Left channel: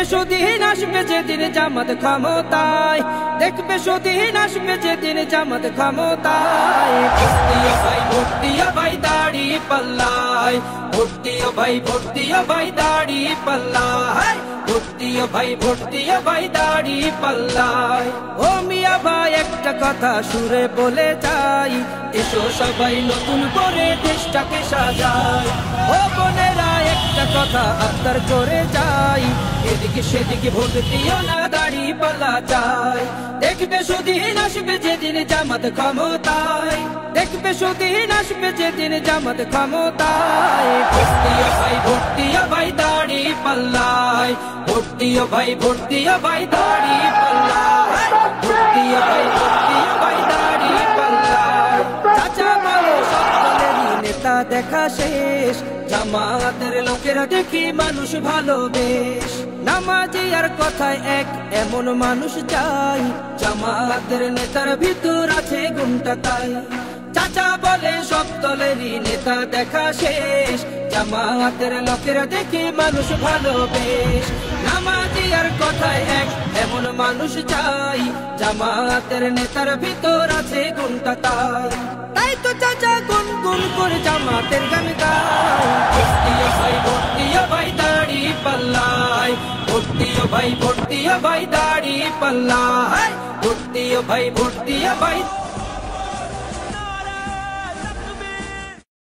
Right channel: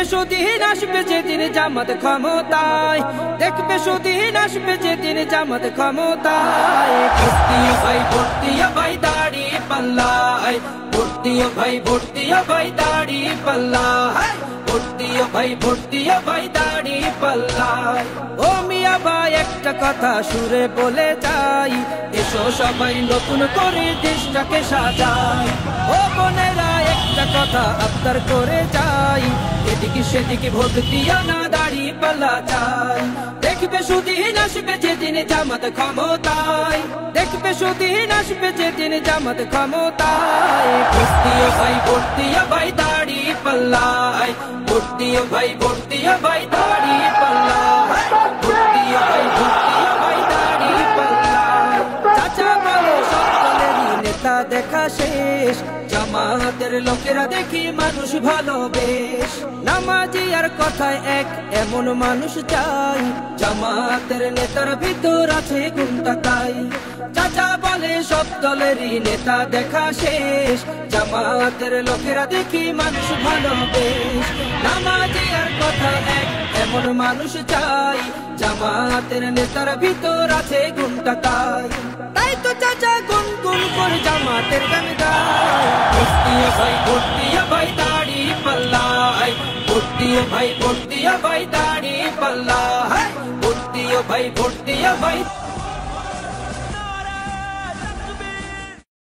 দেখবে সুদিন আসবে যেদিন জামাত ক্ষমতায়, দেখবে সুদিন আসবে যেদিন জামাত ক্ষমতায়। ভোট দিও ভাই দাড়ি পাল্লায়, ভোট দিও ভাই দাড়ি পাল্লায়, ভোট দিও ভাই দাড়ি পাল্লায়। ও মিয়া ভাই একটা কথা সুরে বলে যাই, এসো সবাই নতুন করে দেশটাকে সাজাই। ও বোনেরা একটা কথা আবদার করে যাই, এদিকে সেদিকে ভোট দিও না, দাড়ি পাল্লা চাই। দেখবে সুদিন আসবে যেদিন জামাত ক্ষমতায়, দেখবে সুদিন আসবে যেদিন জামাত ক্ষমতায়। ভোট দিও ভাই দাড়ি পাল্লায়, ভোট দিও ভাই দাড়ি পাল্লায়, ভোট দিও ভাই দাড়ি পাল্লায়। চাচা বলে সব দলেরই নেতা দেখা শেষ, জামাতের লোকেরা দেখি মানুষ ভালোবেশ। নামাজি আর কথায় এক এমন মানুষ চাই, জামাতের নেতার ভিতর আছে গুণটা তাই। চাচা বলে সব দলেরই নেতা দেখা শেষ, জামাতের লোকেরা দেখি মানুষ ভালোবেশ। নামাজি আর কথায় এক এমন মানুষ চাই, জামাতের নেতার ভিতর আছে গুণটা তাই। তাই তো চাচা গুনগুন করে জামাতের গান গায়। ভোট দিও ভাই দাড়ি পাল্লায়, ভোট দিও ভাই দাড়ি পাল্লায়, ভোট দিও ভাই